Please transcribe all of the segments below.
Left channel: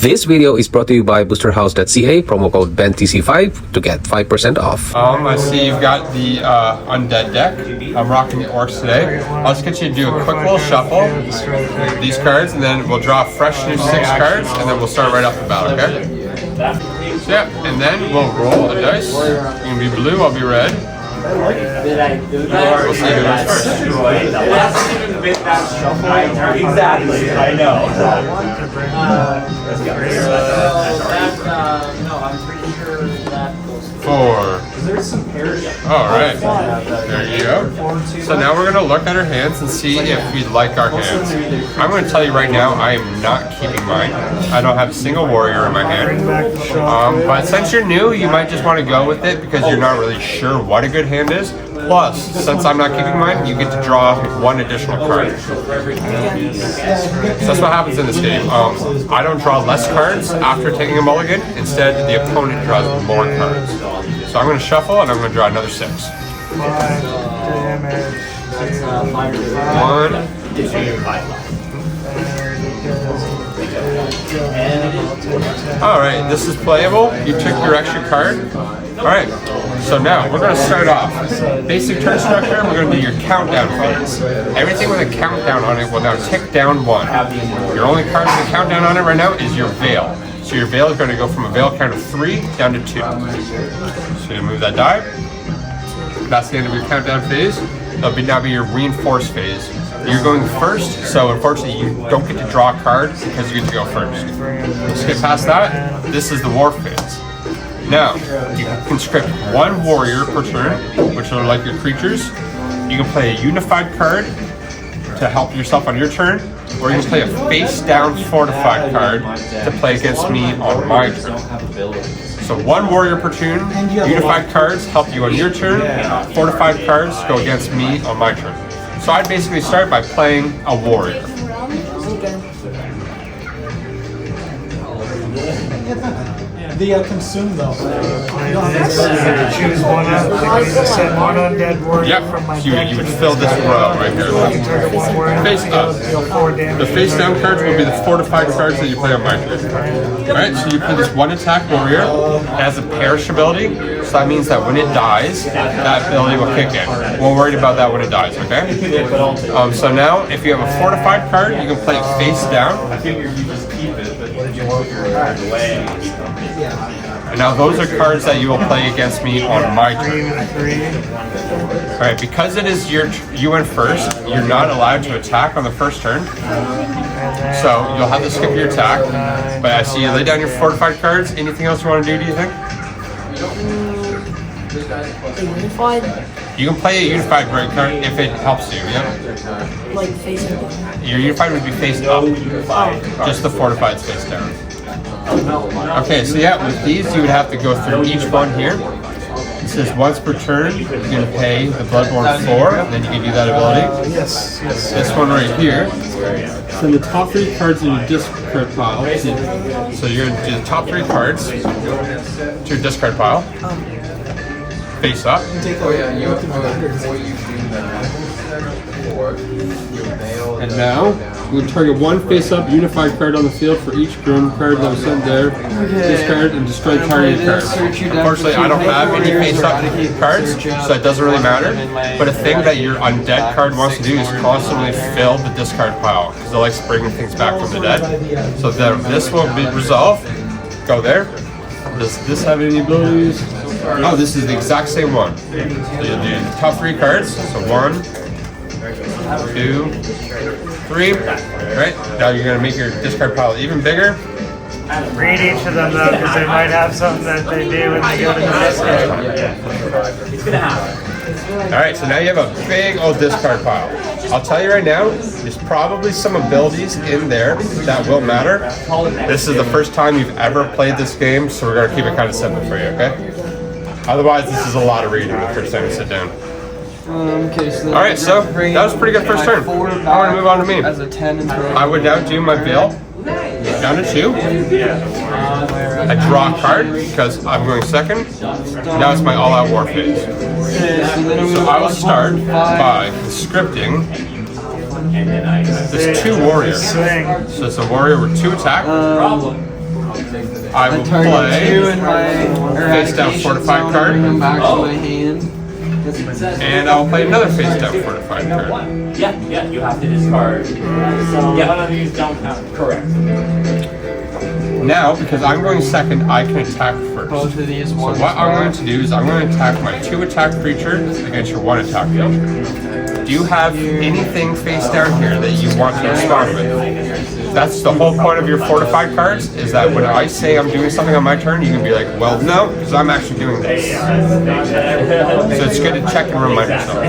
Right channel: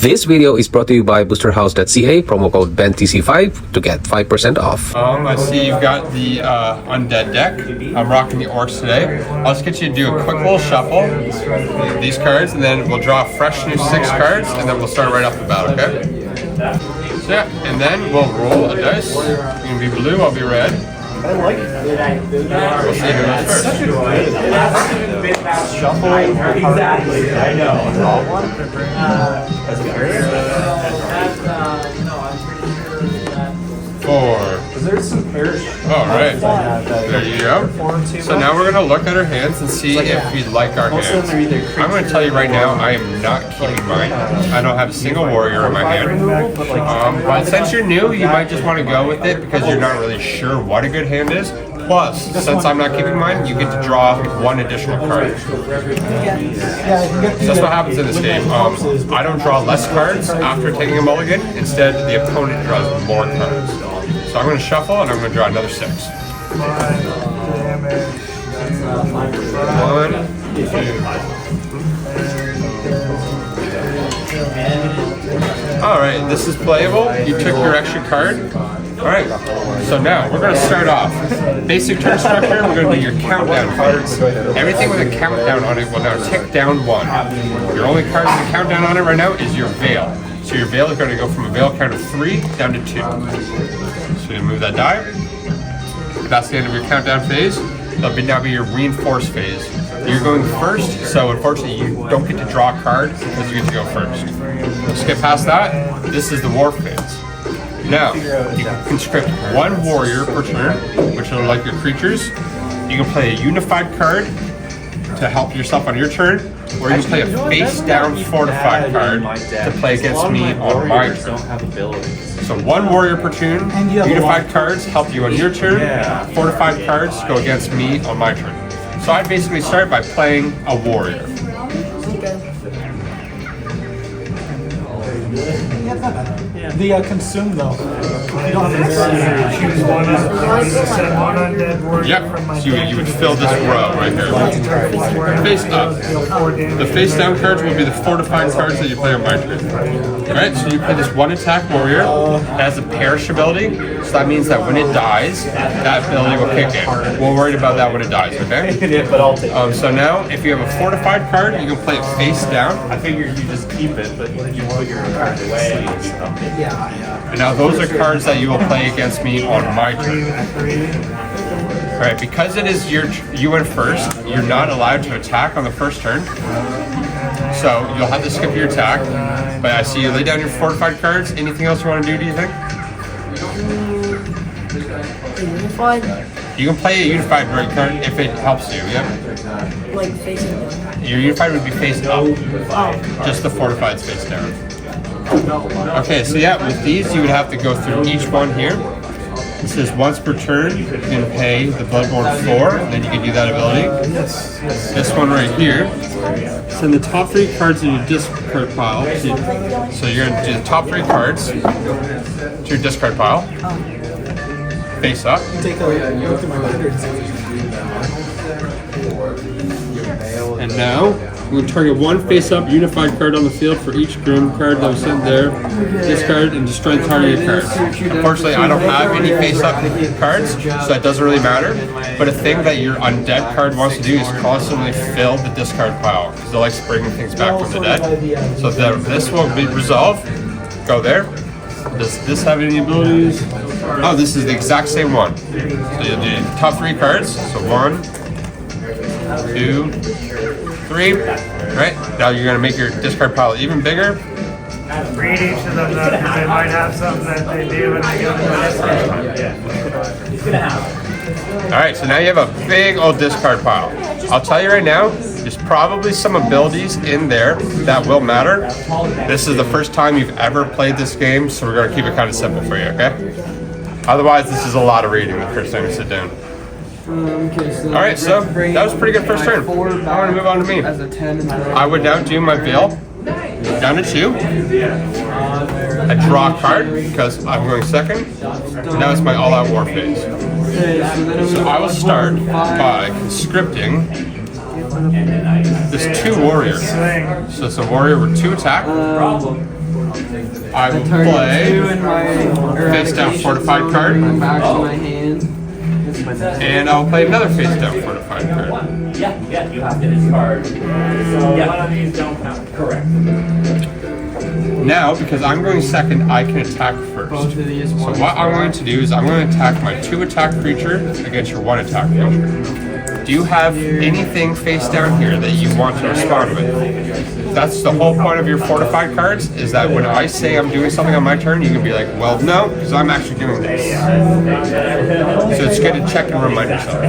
This video is brought to you by boosterhouse.ca, promo code BENTTC5 to get 5% off. I see you've got the undead deck. I'm rocking the orcs today. I'll just get you to do a quick little shuffle, these cards, and then we'll draw fresh new 6 cards, and then we'll start right off the bat, okay? So yeah, and then we'll roll a dice. You can be blue, I'll be red. We'll see who goes first. Exactly, I know. Four. Alright, there you go. So now we're going to look at our hands and see if we like our hands. I'm going to tell you right now, I am not keeping mine. I don't have a single warrior in my hand. But since you're new, you might just want to go with it because you're not really sure what a good hand is. Plus, since I'm not keeping mine, you get to draw 1 additional card. So that's what happens in this game. I don't draw less cards after taking a mulligan. Instead, the opponent draws more cards. So I'm going to shuffle and I'm going to draw another 6. 1, 2. Alright, this is playable. You took your extra card. Alright, so now we're going to start off. Basic turn structure, we're going to do your countdown phase. Everything with a countdown on it will now tick down 1. Your only card with a countdown on it right now is your Veil. So your Veil is going to go from a Veil count of 3 down to 2. So you move that die. That's the end of your countdown phase. That'll now be your reinforced phase. You're going first, so unfortunately you don't get to draw a card because you get to go first. We'll skip past that. This is the war phase. Now, you can conscript 1 warrior per turn, which are like your creatures. You can play a unified card to help yourself on your turn, or you can play a face-down fortified card to play against me on my turn. So 1 warrior per turn, unified cards help you on your turn, fortified cards go against me on my turn. So I'd basically start by playing a warrior. The consume though. Choose one undead warrior. Yep, so you would fill this row right here. Face up. The face down cards will be the fortified cards that you play on my turn. Alright, so you play this 1 attack warrior. It has a perish ability, so that means that when it dies, that ability will kick in. We're worried about that when it dies, okay? So now, if you have a fortified card, you can play it face down. I figured you just keep it, but you put your card away. And now those are cards that you will play against me on my turn. Alright, because it is you went first, you're not allowed to attack on the first turn. So you'll have to skip your attack. But I see you lay down your fortified cards. Anything else you want to do you think? Unified? You can play a unified great card if it helps you, yeah? Like facing down? Your unified would be face up. Just the fortified face down. Okay, so yeah, with these you would have to go through each one here. It says once per turn you can pay the Bloodborne 4, and then you can do that ability. This one right here. Send the top 3 cards in your discard pile. So you're going to do the top 3 cards to your discard pile. Face up. And now, we target 1 face-up unified card on the field for each grim card that was sent there. Discard and destroy the targeted card. Unfortunately, I don't have any face-up cards, so it doesn't really matter. But a thing that your undead card wants to do is constantly fill the discard pile, because it likes bringing things back from the dead. So this will be resolved. Go there. Does this have any abilities? Oh, this is the exact same one. So you'll do top 3 cards. So 1, 2, 3. Right? Now you're going to make your discard pile even bigger. Read each of them though, because they might have something that they do to feel It's gonna happen. Alright, so now you have a big old discard pile. I'll tell you right now, there's probably some abilities in there that will matter. This is the first time you've ever played this game, so we're going to keep it kind of simple for you, okay? Otherwise, this is a lot of reading the first time you sit down. Alright, so that was a pretty good first turn. I want to move on to me. I would now do my Veil down to 2. I draw a card because I'm going second. Now it's my all-out war phase. So I will start by conscripting this 2 warrior. So it's a warrior with 2 attack. I will play face down fortified card, and I'll play another face down fortified card. Yeah, you have to discard. Yeah, one of these don't count. Correct. Now, because I'm going second, I can attack first. So what I'm going to do is I'm going to attack my 2 attack creature against your 1 attack creature. Do you have anything face down here that you want to respond with? That's the whole point of your fortified cards, is that when I say I'm doing something on my turn, you can be like, well, no, because I'm actually doing this. So it's good to check and remind yourself.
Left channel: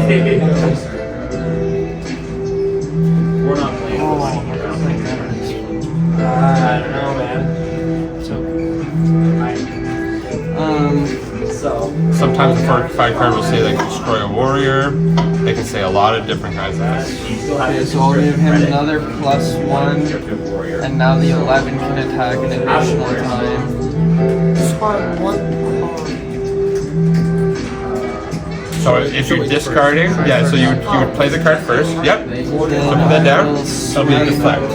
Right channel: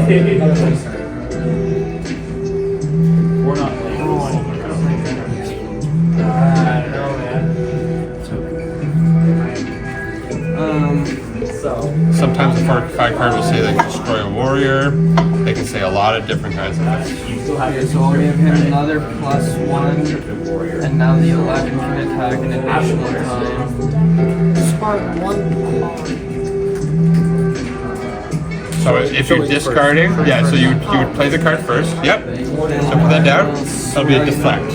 We're not playing. I don't know, man. Sometimes a fortified card will say they can destroy a warrior. They can say a lot of different kinds of things. Okay, so I'll give him another +1, and now the 11 can attack an additional time. Discard 1 card. So if you're discarding, yeah, so you would play the card first. Yep. So put that down. That'll be a deflect.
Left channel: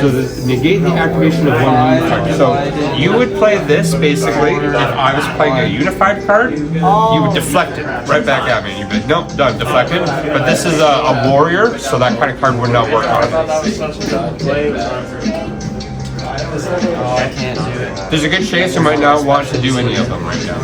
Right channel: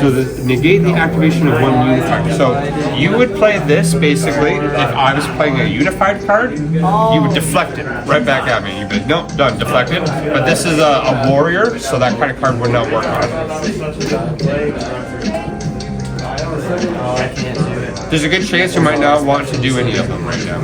So negate the activation of 1 unified. So you would play this basically if I was playing a unified card. You would deflect it right back at me. And you'd be like, nope, done, deflected. But this is a warrior, so that kind of card would not work on it. There's a good chance you might not want to do any of them right now.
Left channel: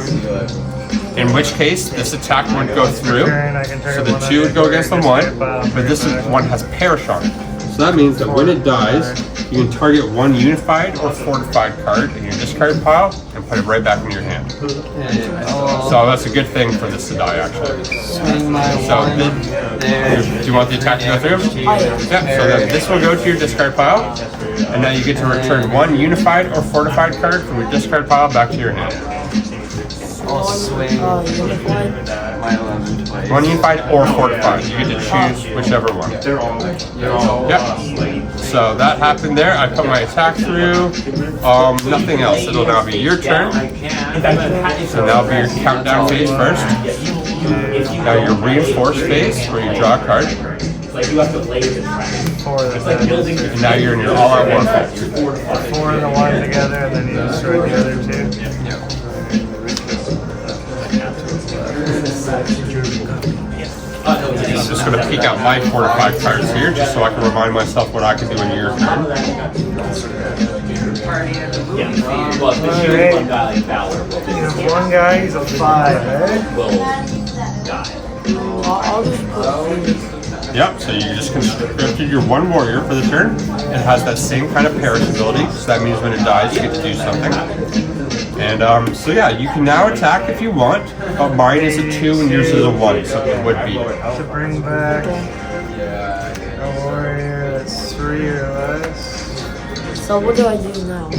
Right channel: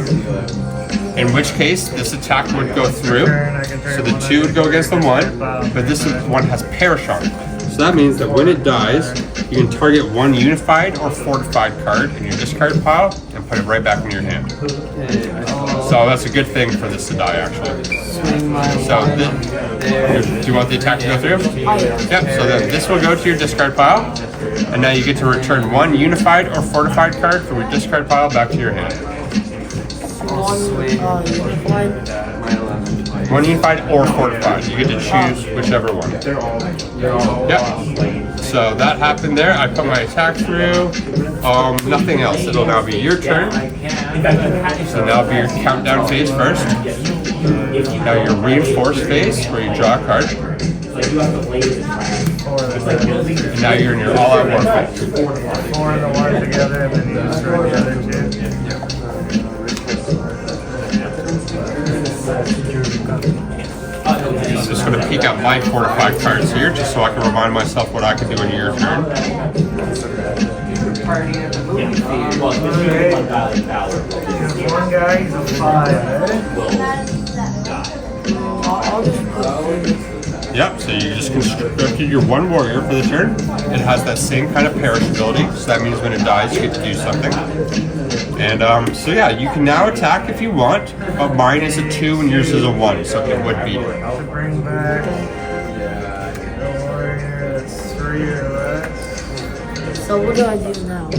In which case, this attack would go through. So the 2 would go against the 1, but this one has perish on it. So that means that when it dies, you can target 1 unified or fortified card in your discard pile and put it right back in your hand. So that's a good thing for this to die, actually. So do you want the attack to go through? Yep, so then this will go to your discard pile, and now you get to return 1 unified or fortified card from your discard pile back to your hand. Unified. 1 unified or fortified. You get to choose whichever one. Yep. So that happened there. I put my attack through. Nothing else. It'll now be your turn. So now it'll be your countdown phase first. Now your reinforced phase where you draw a card. And now you're in your all-out war phase. 4 and the 1 together, and then you destroy the other 2. I'm just going to peek out my fortified cards here, just so I can remind myself what I can do in your turn. Well, especially one guy like Valor. One guy, he's a 5, eh? Will die. I'll just Yep, so you just constructed your 1 warrior for the turn. It has that same kind of perish ability, so that means when it dies, you get to do something. And so yeah, you can now attack if you want, but mine is a 2 and yours is a 1, so it would be. To bring back a warrior that's 3 or less. So what do I do now?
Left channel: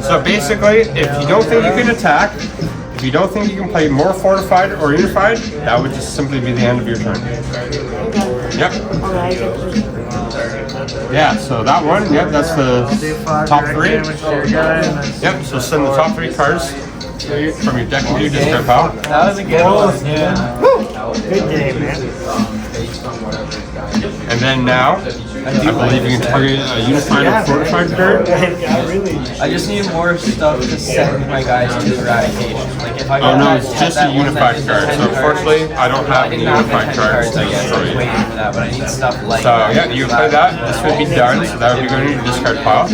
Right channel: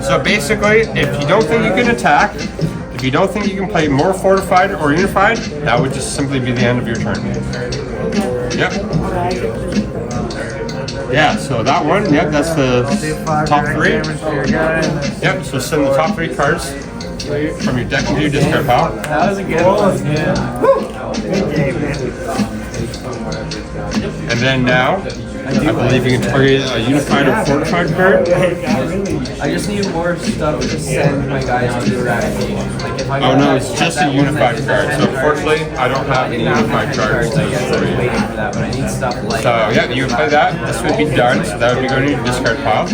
So basically, if you don't think you can attack, if you don't think you can play more fortified or unified, that would just simply be the end of your turn. Yep. Yeah, so that one, yep, that's the top 3. Yep, so send the top 3 cards from your deck into your discard pile. That was a good one. Good game, man. And then now, I believe you can target a unified or fortified card. I just need more stuff to send my guys to eradicate. Like if I Oh no, it's just a unified card. So unfortunately, I don't have any unified cards to destroy you. but I need stuff like So yeah, you would play that. This would be done. So that would be going to your discard pile.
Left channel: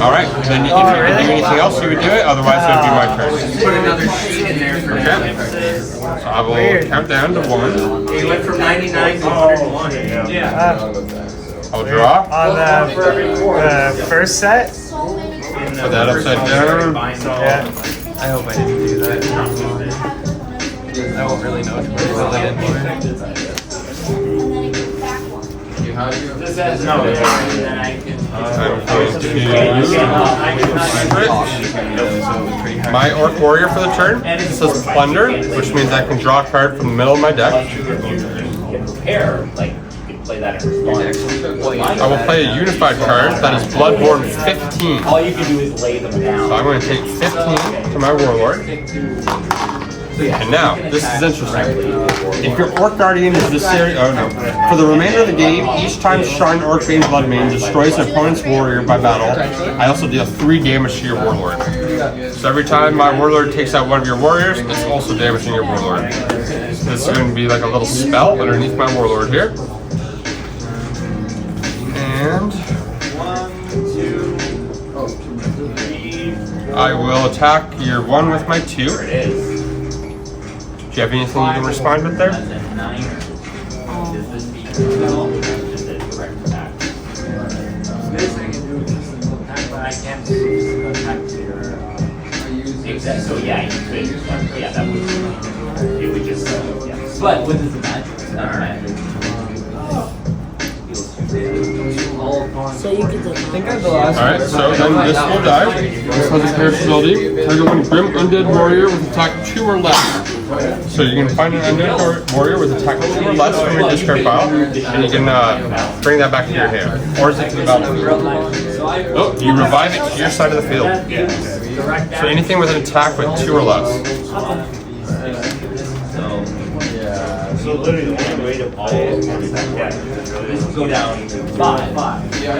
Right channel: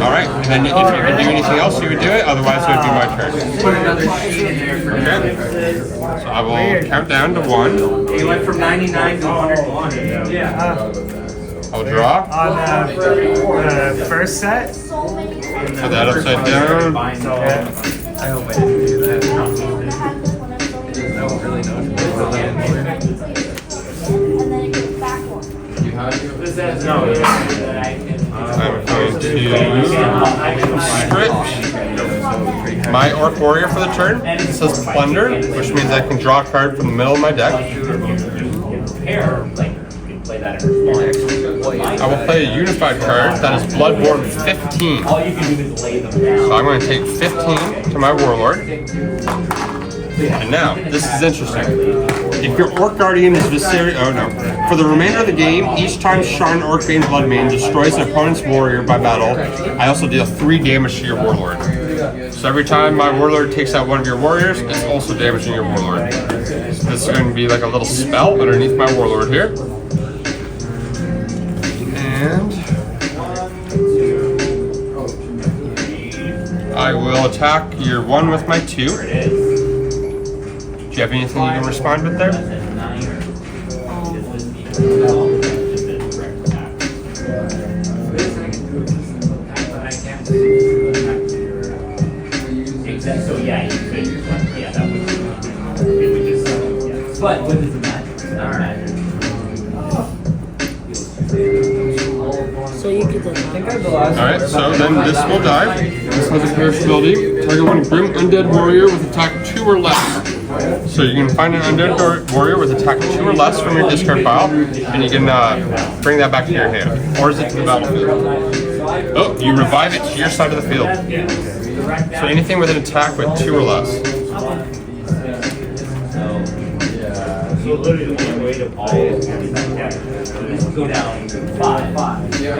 All right. Then if you can do anything else, you would do it. Otherwise, it would be my turn. put another sheet in there for Okay. So I will count down to 1. He went from 99 to 101. Yeah. I'll draw. On the first set, Put that upside down. I hope I didn't do that. I don't really know what This says no, and I can. I'm going to script my Orc Warrior for the turn. It says Plunder, which means I can draw a card from the middle of my deck. Pair, like, you play that in response. I will play a unified card that is Bloodborne 15. All you can do is lay them down. So I'm going to take 15 to my Warlord. And now, this is interesting. If your Orc Guardian is Viserion, oh no. For the remainder of the game, each time Shrine Orc-Bane Bloodmane destroys an opponent's warrior by battle, I also deal 3 damage to your Warlord. So every time my Warlord takes out one of your warriors, it's also damaging your Warlord. So this is going to be like a little spell underneath my Warlord here. And I will attack your 1 with my 2. Do you have anything you can respond with there? So yeah, you could. Yeah, that would. It would just. Yeah. But what does the magic? So you could do that. Alright, so then this will die. This has a perishability. Target one Grim Undead Warrior with attack 2 or less. So you can find an Undead Warrior with attack 2 or less from your discard pile, and you can bring that back to your hand. Or is it to the battlefield? Oh, you revive it to your side of the field. So anything with an attack with 2 or less. So literally the only way to play it is go down 5. Yeah,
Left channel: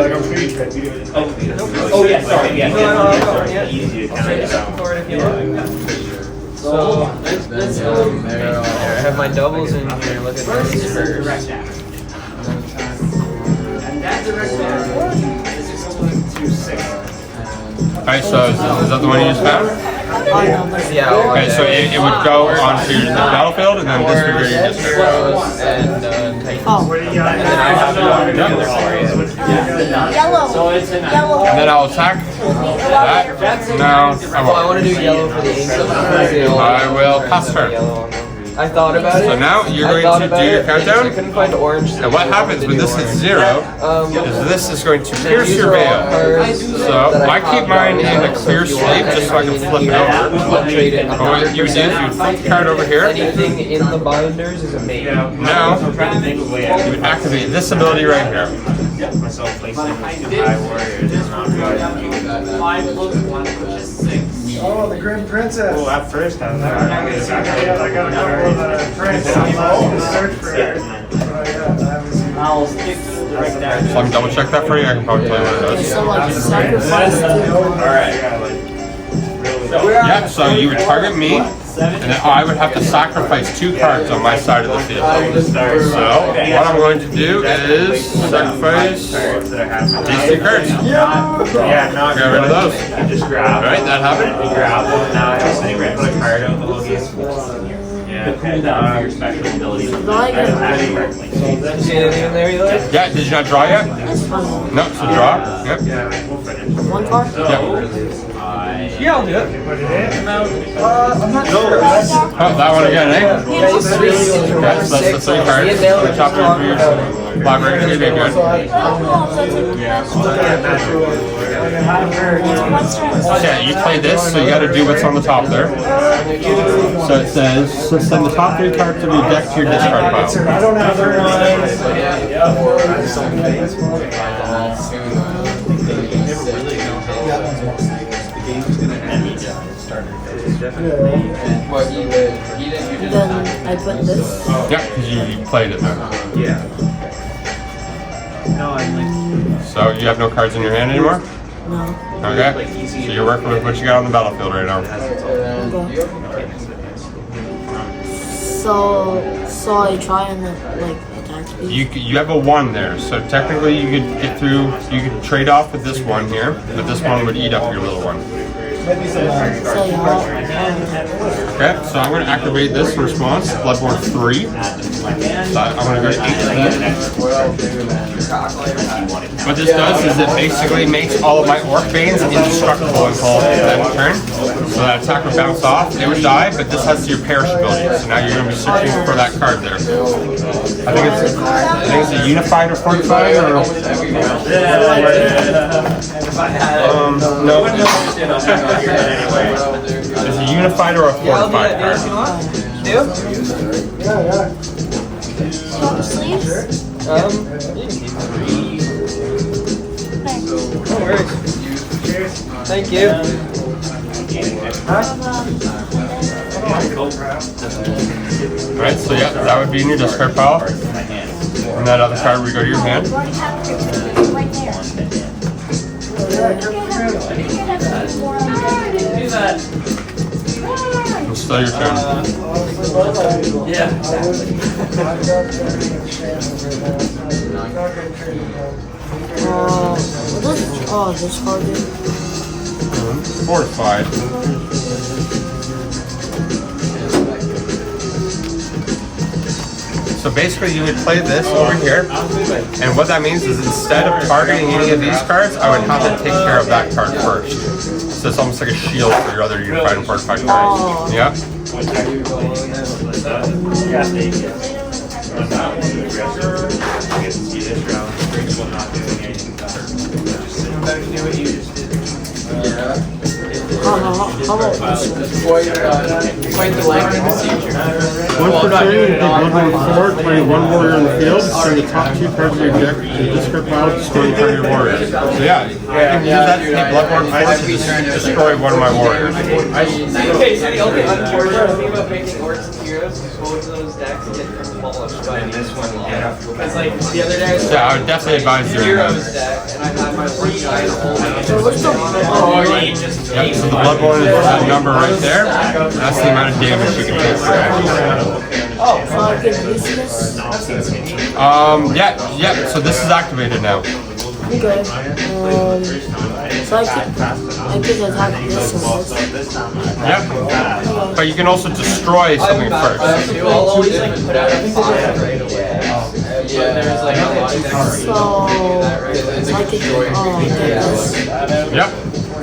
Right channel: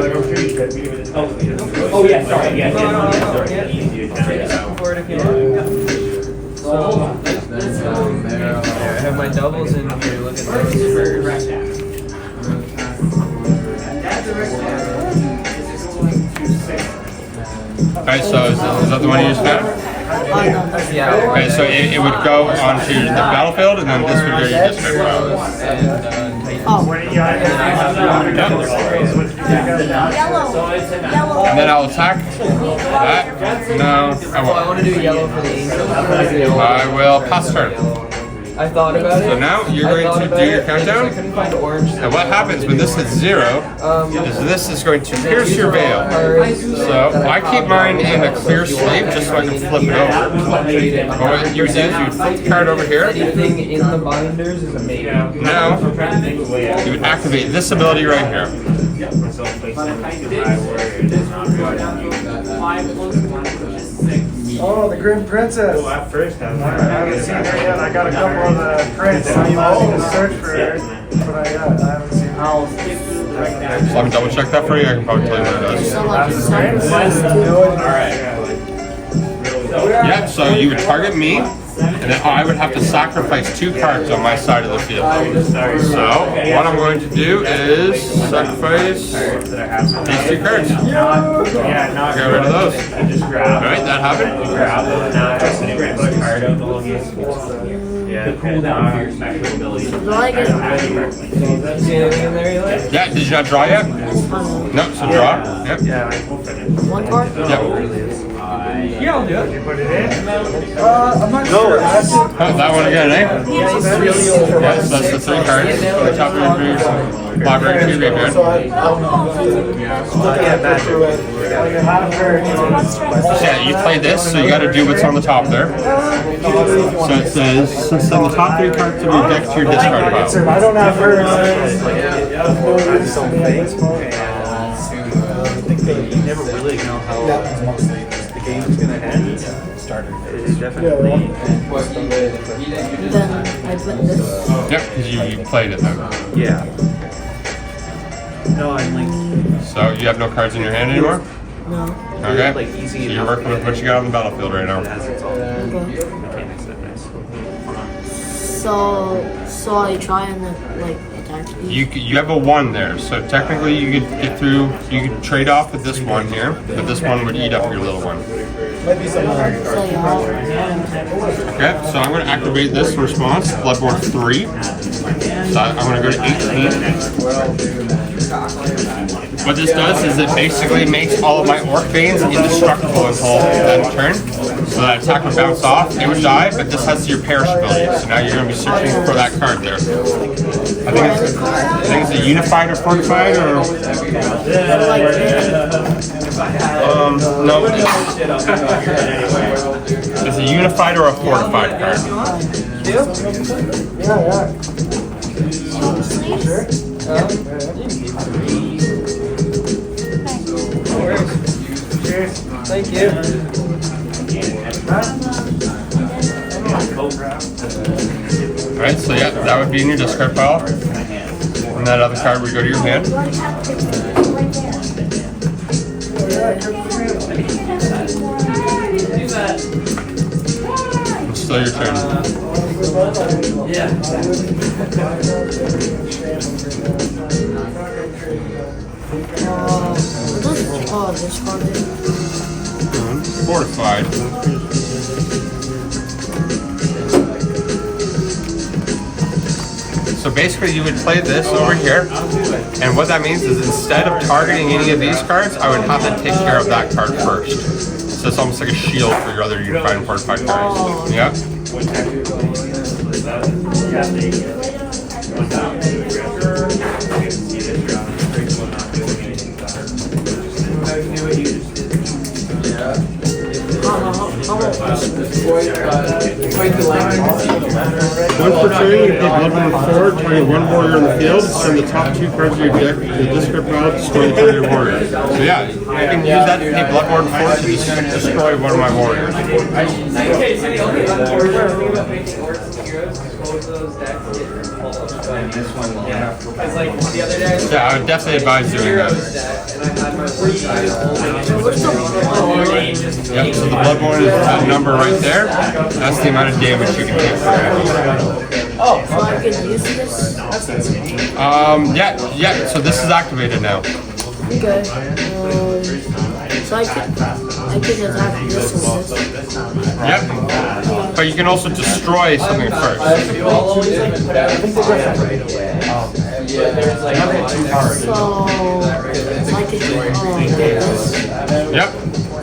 like I'm sure you tried to do it. Oh yeah, sorry. Yeah, easy to kind I have my doubles in here. Look at this. Alright, so is that the one you just found? Yeah. Okay, so it would go onto the battlefield, and then this would go to your discard pile. Yep. And then I'll attack that. No, I I want won't. to do yellow for the angel. I will pass turn. I thought about it. So now you're I going thought to about do your it, countdown. I couldn't find orange. And what happens when this hits 0 is this is going to pierce your veil. So I keep mine in a clear sleeve just so I can flip it over. But what you would do is you would flip the card over here. Anything in the binders is amazing. Now you would activate this ability right here. myself placing in the high warriors is not good. Oh, the Grim Princess. Well, at first I was like, I got a couple of the prints. I'm going to search for it. I'll stick to the direct down. So I can double check that for you. I can probably tell you what it does. So like sacrifice too. Alright. Yeah, so you would target me, and then I would have to sacrifice 2 cards on my side of the field. So what I'm going to do is sacrifice these 2 cards. Yeah, not Get rid of those. just grab. Alright, that happened. Grab them, and now I have to put a card out the whole game. Yeah, the cooldown for your special ability. Do I get See anything in there you like? Yeah, did you not draw yet? No, so draw. Yep. one card? Yep. Yeah, I'll do it. Oh, that one again, eh? Yeah, so that's the 3 cards. On the top of your library to your graveyard. Yeah, you play this, so you gotta do what's on the top there. So it says, so send the top 3 cards of your deck to your discard pile. I don't have her What you would. And then I put this. Yep, because you played it then. So you have no cards in your hand anymore? No. Okay. So you're working with what you got on the battlefield right now. Okay. So I try and like attack you. You have a 1 there, so technically you could get through. You could trade off with this one here, but this one would eat up your little one. So yeah. Okay, so I'm going to activate this in response. Bloodborne 3. So I'm going to go to 18. What this does is it basically makes all of my Orc Banes indestructible until that turn. So that attack would bounce off. It would die, but this has your perishability. So now you're going to be searching for that card there. I think it's a unified or fortified or. No. It's a unified or a fortified card. Thank you. Alright, so yeah, that would be in your discard pile. And that other card would go to your hand. It's still your turn. This card is Fortified. So basically you would play this over here, and what that means is instead of targeting any of these cards, I would have to take care of that card first. So it's almost like a shield for your other unified and fortified cards. Yeah? One per turn, you pick one from the board, target one warrior in the field, send the top 2 cards of your deck to the discard pile, destroying target your warrior. So yeah, you can use that to take Bloodborne 4 to just destroy one of my warriors. Yeah, I would definitely advise doing that. Yep, so the Bloodborne is that number right there. That's the amount of damage you can take for it. so I can use this. Yeah, so this is activated now. Okay. So I can attack this and this. Yep. But you can also destroy something first. So I can get this. Yep.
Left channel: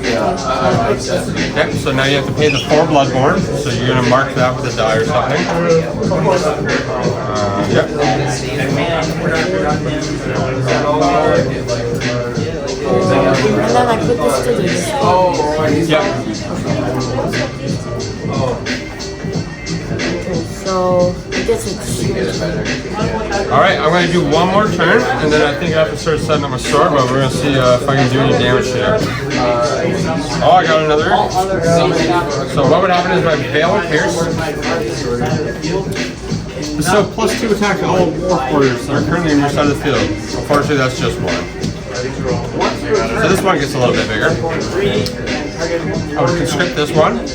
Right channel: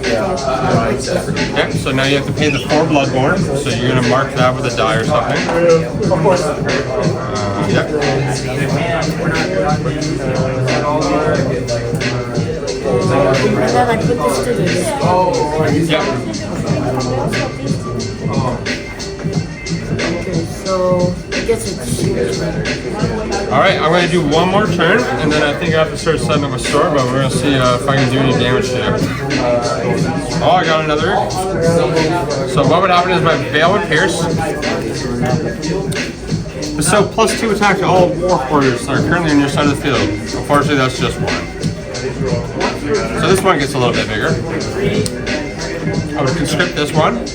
Yep, so now you have to pay the 4 Bloodborne, so you're going to mark that with a die or something. Yep. And then I put this to the Yep. Okay, so I guess it's Alright, I'm going to do one more turn, and then I think I have to start setting up my sword, but we're going to see if I can do any damage to you. Oh, I got another. So what would happen is my Veil would pierce. So +2 attack to all Orc Warriors that are currently on your side of the field. Unfortunately, that's just one. So this one gets a little bit bigger. I would conscript this one.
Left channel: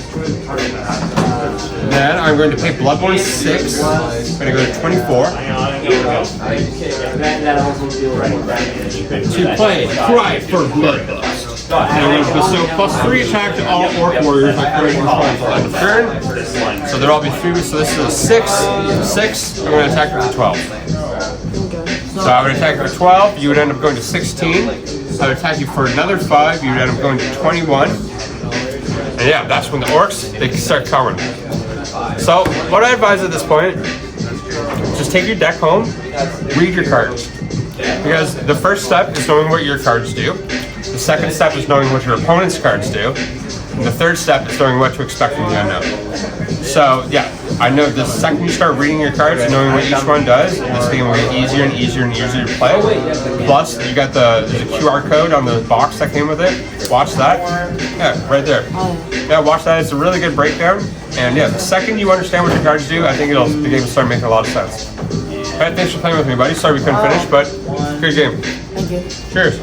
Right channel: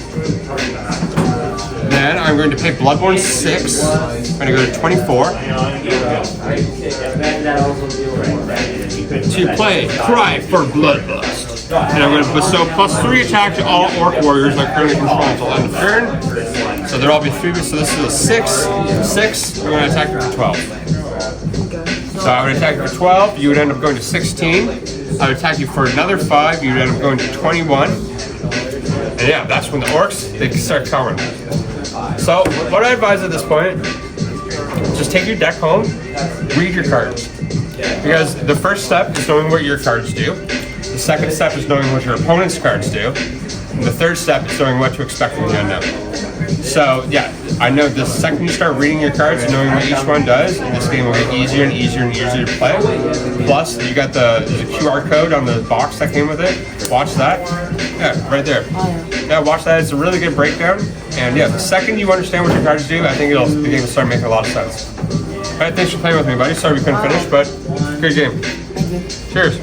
Then I'm going to pay Bloodborne 6. I'm going to go to 24. To play Cry for Bloodlust. And I'm going to bestow +3 attack to all Orc Warriors I currently control until end of turn. So there'll all be 3, so this is a 6. 6, I'm going to attack you for 12. So I would attack you for 12, you would end up going to 16. I would attack you for another 5, you would end up going to 21. And yeah, that's when the orcs, they start covering. So what I advise at this point, just take your deck home, read your cards. Because the first step is knowing what your cards do. The second step is knowing what your opponent's cards do. And the third step is knowing what to expect from the unknown. So yeah, I know the second you start reading your cards and knowing what each one does, this game will get easier and easier and easier to play. Plus, you got the QR code on the box that came with it. Watch that. Yeah, right there. Yeah, watch that. It's a really good breakdown. And yeah, the second you understand what your cards do, I think the game will start making a lot of sense. Alright, thanks for playing with me, buddy. Sorry we couldn't finish, but good game. Cheers.